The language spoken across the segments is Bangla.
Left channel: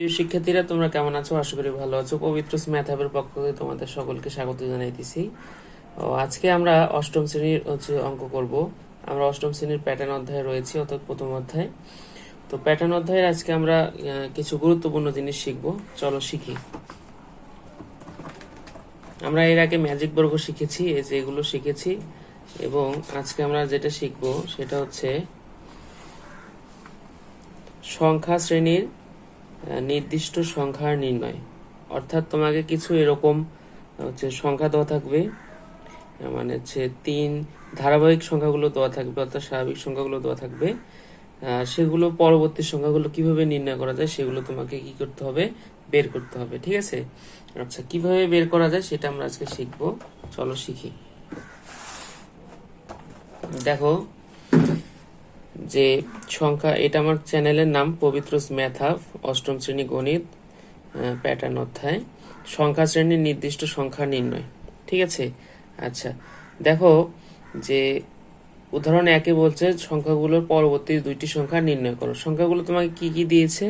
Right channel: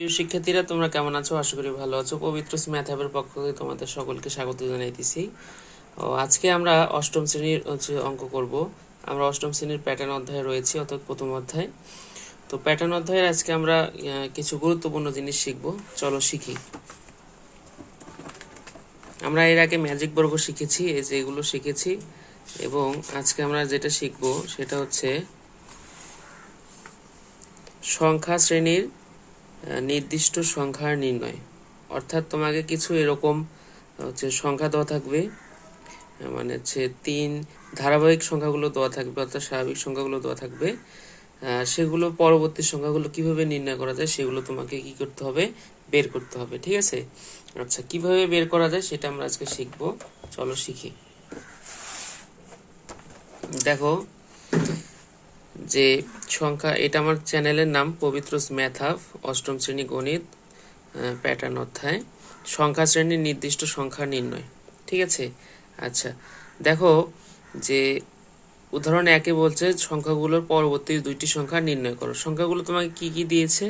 প্রিয় শিক্ষার্থীরা, তোমরা কেমন আছো? আশা করি ভালো আছো। পবিত্র ম্যাথ হ্যাবের পক্ষ থেকে তোমাদের সকলকে স্বাগত জানাইতেছি। আজকে আমরা অষ্টম শ্রেণীর অঙ্ক করব। আমরা অষ্টম শ্রেণীর প্যাটার্ন অধ্যায়ে রয়েছি, অর্থাৎ প্রথম অধ্যায়। তো প্যাটার্ন অধ্যায়ের আজকে আমরা কিছু গুরুত্বপূর্ণ জিনিস শিখব। চলো শিখি। আমরা এর আগে ম্যাজিক বর্গ শিখেছি, এই যে এগুলো শিখেছি, এবং আজকে আমরা যেটা শিখব সেটা হচ্ছে সংখ্যা শ্রেণীর নির্দিষ্ট সংখ্যার নির্ণয়। অর্থাৎ তোমাকে কিছু এরকম সংখ্যা দেওয়া থাকবে, মানে হচ্ছে ধারাবাহিক সংখ্যাগুলো দেওয়া থাকবে, অর্থাৎ স্বাভাবিক সংখ্যাগুলো দেওয়া থাকবে। সেগুলো পরবর্তী সংখ্যাগুলো কিভাবে নির্ণয় করা যায় সেগুলো তোমাকে কি করতে হবে, বের করতে হবে। ঠিক আছে? আচ্ছা, কিভাবে বের করা যায় সেটা আমরা আজকে শিখবো। চলো শিখি। দেখো যে সংখ্যা, এটা আমার চ্যানেলের নাম পবিত্র ম্যাথ হাব, অষ্টম শ্রেণী গণিত, প্যাটার্ন অধ্যায়, সংখ্যা শ্রেণীর নির্দিষ্ট সংখ্যা নির্ণয়। ঠিক আছে? আচ্ছা, দেখো যে উদাহরণ একে বলছে সংখ্যাগুলোর পরবর্তী দুইটি সংখ্যা নির্ণয় করো। সংখ্যাগুলো তোমাকে কি কি দিয়েছে?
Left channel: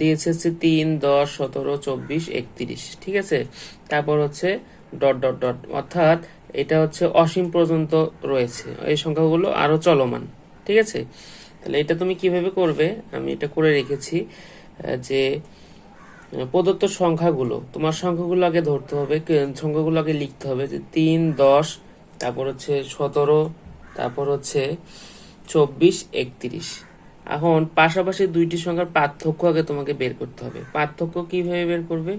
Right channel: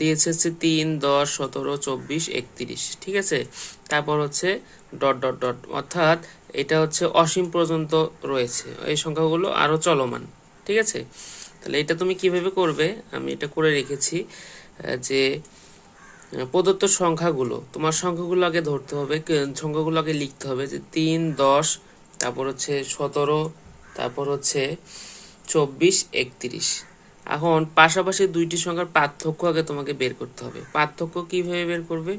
দিয়েছে হচ্ছে 3, 10, 17, 24, 31। ঠিক আছে? তারপর হচ্ছে ডট ডট ডট, অর্থাৎ এটা হচ্ছে অসীম পর্যন্ত রয়েছে এই সংখ্যাগুলো, আরো চলমান। ঠিক আছে? তাহলে এটা তুমি কিভাবে করবে, আমি এটা করে রেখেছি। যে প্রদত্ত সংখ্যাগুলো, তোমার সংখ্যাগুলো আগে ধরতে হবে, সংখ্যাগুলো আগে লিখতে হবে, যে 3, 10, তারপর হচ্ছে 17, তারপর হচ্ছে 24, 31। এখন পাশাপাশি দুইটি সংখ্যার পার্থক্য আগে তোমাকে বের করতে হবে। পার্থক্য কিভাবে বের করবে?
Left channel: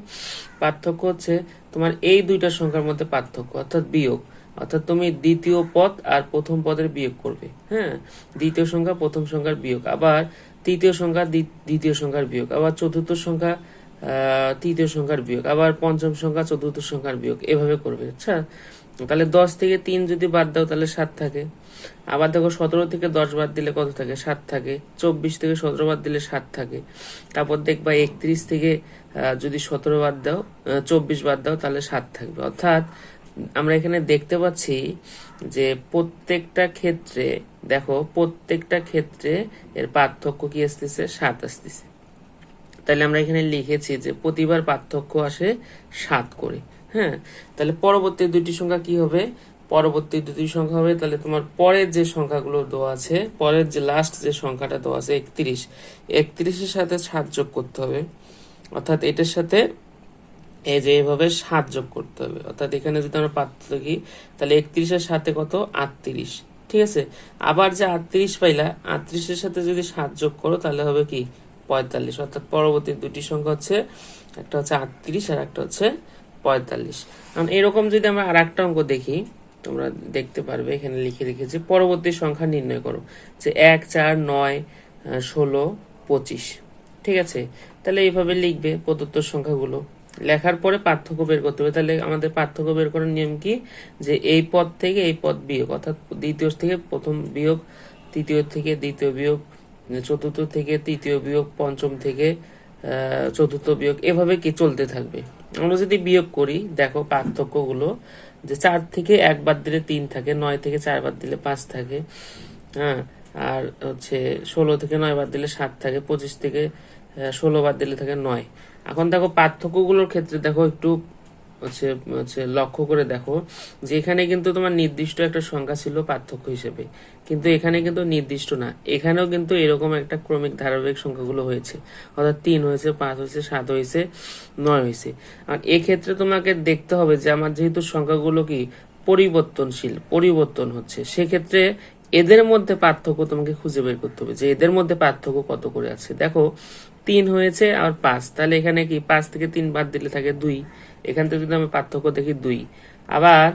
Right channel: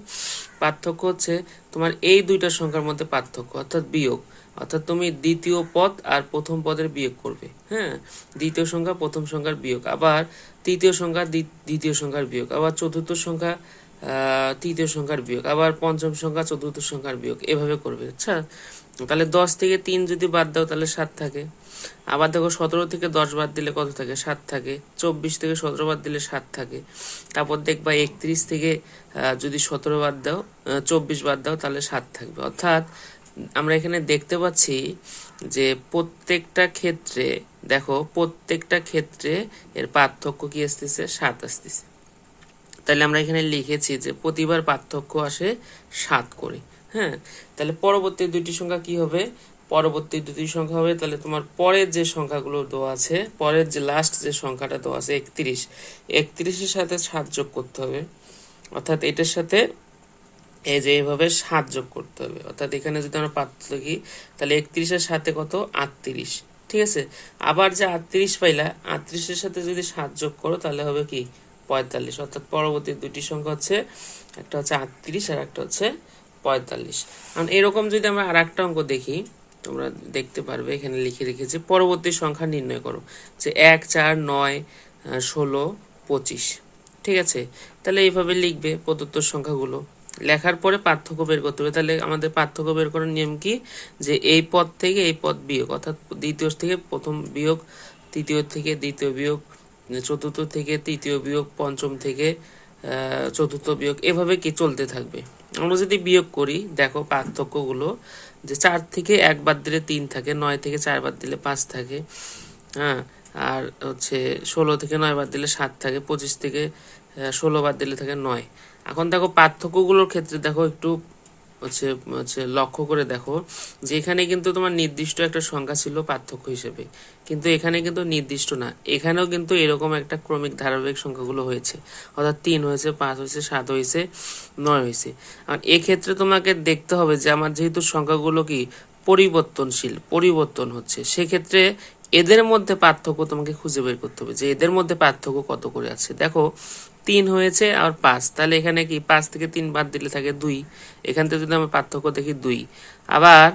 পার্থক্য হচ্ছে তোমার এই দুইটা সংখ্যার মধ্যে পার্থক্য, অর্থাৎ বিয়োগ। অর্থাৎ তুমি দ্বিতীয় পদ আর প্রথম পদের বিয়োগ করবে। হ্যাঁ, দ্বিতীয় সংখ্যা প্রথম সংখ্যার বিয়োগ, আবার তৃতীয় সংখ্যা দ্বিতীয় সংখ্যার বিয়োগ, আবার চতুর্থ সংখ্যা তৃতীয় সংখ্যার বিয়োগ, আবার পঞ্চম সংখ্যা চতুর্থ সংখ্যার বিয়োগ, এভাবে করবে। আচ্ছা, তাহলে 10 থেকে 3 যদি বাদ দাও তাহলে 7 থাকে। আবার দেখো 17 থেকে 10 বাদ দিলে কত থাকে? 7 থাকে। 24 থেকে 17 বাদ দিলে 7 থাকে। তারপর দেখবা 31 থেকে যদি 17 বাদ দাও, 24 বাদ দাও, তাহলে 7 থাকবে। অর্থাৎ আমরা এখানে দেখতে পাচ্ছি যে প্রত্যেকটা ক্ষেত্রে, দেখো প্রত্যেকটা ক্ষেত্রে এর পার্থক্য কি আসতেছে? 7 আসতেছে। তাহলে আমরা এখানে লিখেছি যে প্রতিবার পার্থক্য আসে 7 করে। হ্যাঁ, তাহলে পরবর্তী দুইটি সংখ্যা কি হবে? পরবর্তী দুটি সংখ্যা হবে, তাহলে তোমার পরের যে সংখ্যাগুলো দেওয়া আছে, পরের যে লাস্ট যে সংখ্যাটা দেওয়া আছে 31, 31-এর সাথে 7 যোগ করতে হবে। অর্থাৎ এটার সাথে এই যে এইভাবে 7 যোগ করতে হবে। অর্থাৎ এখানে যদি আমরা পার্থক্য লিখি, তাহলে 31-এর সাথে কত? 38। ঠিক আছে? আবার যে 38 পাইলা, 38-এর সাথে যদি 7 যোগ করো তাহলে হবে কি? 45। অর্থাৎ পরবর্তী দুটি সংখ্যা হচ্ছে, একটা হচ্ছে 38 আর একটা হচ্ছে 45। কারণ এরকম যদি আমরা আর একটা অঙ্ক দেখি, তোমরা দেখতে পারবে এখানে লিখে রেখেছি, পরবর্তী সংখ্যা নির্ণয় করো, যে 1, 4, 9, 16, 25। ঠিক আছে? তাহলে এইভাবে লিখবে প্রদত্ত সংখ্যাগুলো। লেখার পরে পার্থক্য বের করতে হবে। তাহলে আমাদের পার্থক্য বের করার নিয়ম কি? যে এই পদ থেকে এই পদ বিয়োগ, অর্থাৎ দ্বিতীয় থেকে প্রথম বিয়োগ, তৃতীয় থেকে দ্বিতীয় বিয়োগ, চতুর্থ থেকে তৃতীয় বিয়োগ, পঞ্চম থেকে চতুর্থ বিয়োগ, এভাবে কি চলতে থাকবে। আমরা যদি বিয়োগ করি, দেখো পার্থক্যগুলো, যে 4 থেকে 1 বাদ দিলে 3 থাকে, 9 থেকে 4 বাদ দিলে 5 থাকে, হ্যাঁ, আর হচ্ছে 16 থেকে 9 বাদ দিলে 7 থাকে, 25 থেকে 16 বাদ দিলে থাকে 9। এখন দেখো পার্থক্যগুলোর ক্ষেত্রে দেখো একটু হচ্ছে হচ্ছে লক্ষ্য করে দেখো, যে এখানে কিন্তু তোমার নির্দিষ্ট একটা সংখ্যা ছিল পার্থক্য হিসেবে, কিন্তু এখানে কিন্তু নির্দিষ্ট না। এখানেও কিন্তু এরকম একটা ক্রমিক ধারাবাহিক সংখ্যাগুলো হয়েছে, অর্থাৎ 3 হয়েছে, 5 হয়েছে, 7 হয়েছে, 9 হয়েছে। আর এক্ষেত্রে তোমাকে দেখতে হবে যে আমার যেহেতু সংখ্যাগুলো কি পরিবর্তনশীল, পরিবর্তন হচ্ছে, সেক্ষেত্রে এদের মধ্যে পার্থক্য তোমাকে খুঁজে বের করতে হবে, যে এদের মধ্যে পার্থক্য কত করে আছে। দেখো 3 হয়েছে আর 5, তাহলে এখানে কি 5 থেকে 3 বাদ দিলে থাকে 2। এখান থেকে যদি আমি পার্থক্য দেখি 2। আবার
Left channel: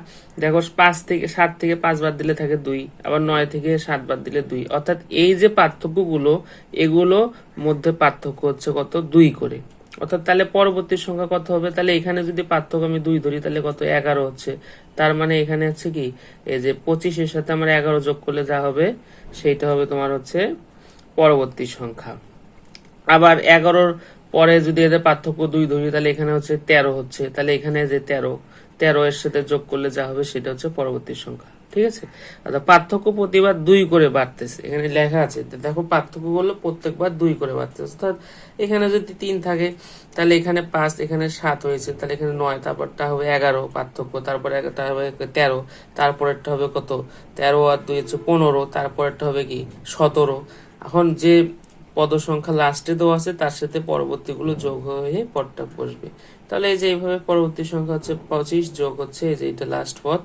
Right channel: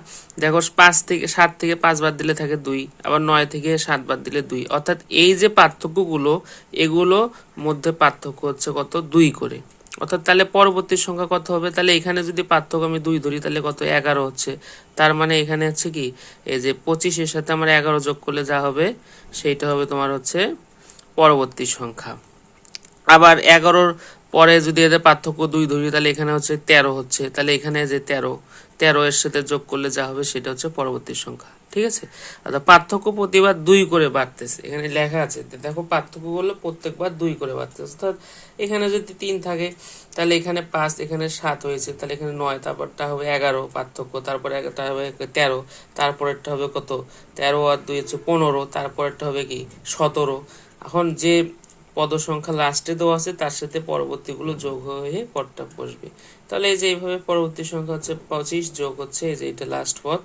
দেখো 7 থেকে 5 বাদ দিলে থাকে 2, আবার 9 থেকে 7 বাদ দিলে 2। অর্থাৎ এই যে পার্থক্যগুলো, এগুলো মধ্যে পার্থক্য হচ্ছে কত? 2 করে। অর্থাৎ তাহলে পরবর্তী সংখ্যা কত হবে? তাহলে এখানে যদি পার্থক্য আমি 2 ধরি, তাহলে কত? 11 হচ্ছে। তার মানে এখানে হচ্ছে কি, এই যে 25-এর সাথে আমরা 11 যোগ করলে যা হবে সেইটা হবে তোমার হচ্ছে পরবর্তী সংখ্যা। আবার 11-র পরে যদি এদের পার্থক্য 2 ধরি, তাহলে এখানে হচ্ছে 13 হচ্ছে। তাহলে এখানে যে 13 এর সাথে যোগ করলে যা হবে সেটা হচ্ছে পরবর্তী সংখ্যা। ঠিক আছে। আচ্ছা, পার্থক্য প্রতিবার 2 করে বাড়তেছে, এখানে লেখা আছে। তো দেখো পার্থক্য করলে প্রত্যেকবার 2 করে বাড়তেছে, অর্থাৎ এখানে যদি 3 থাকে তাহলে এখানে 5, এখানে 7 হয়েছে, তাহলে এখানে 9, তারপরটা হবে 11 পার্থক্য, তারপরে একটা হবে 13, তারপরেরটা হবে কত 13 আর 2 হচ্ছে 15, তারপরেরটা হবে কি 17। এখন যে পদ সংখ্যা লাস্টে দেওয়া আছে তার সাথে পরবর্তীগুলো যোগ হয়ে পদটা বসবে। তাহলে এই যে এইভাবে পরবর্তী সংখ্যা হচ্ছে 25 যোগ হচ্ছে এই যে এটা লাস্ট পদ,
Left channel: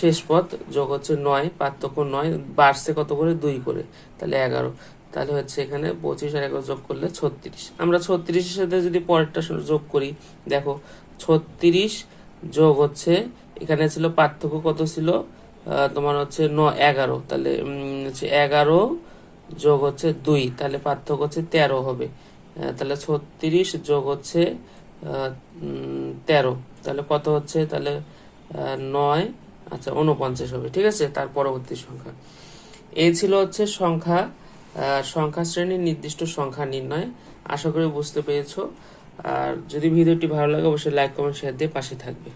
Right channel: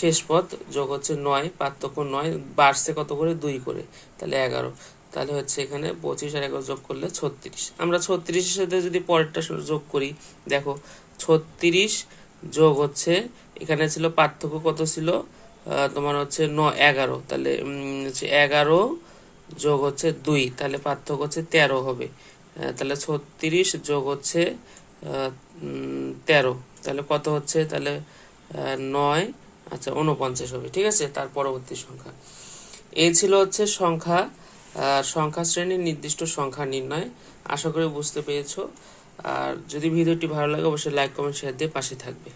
শেষ পদ যোগ হচ্ছে 9, পার্থক্য 9, বাড়ছে কত করে 2 করে, তাহলে 11। তাহলে হচ্ছে এখানে 25 আর 11 যোগ করলে 36। আমরা 36 এর সাথে যদি পরেরটা যোগ করি, দেখো 36 যোগ হচ্ছে এখানে ছিল পার্থক্য কত ছিল তোমার হচ্ছে 11, তাহলে হচ্ছে 11 যোগ হচ্ছে 2, তাহলে পার্থক্য হচ্ছে 13 হবে। তাহলে 36 যোগ হচ্ছে 13, তাহলে কত হচ্ছে, তাহলে 9, আচ্ছা 49 হবে। ঠিক আছে, তার পরবর্তী সংখ্যা এই ছিল হচ্ছে সংখ্যা শ্রেণীর নির্দিষ্ট সংখ্যা নির্ণয়। আশা করি বুঝতে পেরেছো। আর যদি ভিডিওটি ভালো লাগে অবশ্যই লাইক কমেন্ট শেয়ার দিয়ে পাশে থাকবে।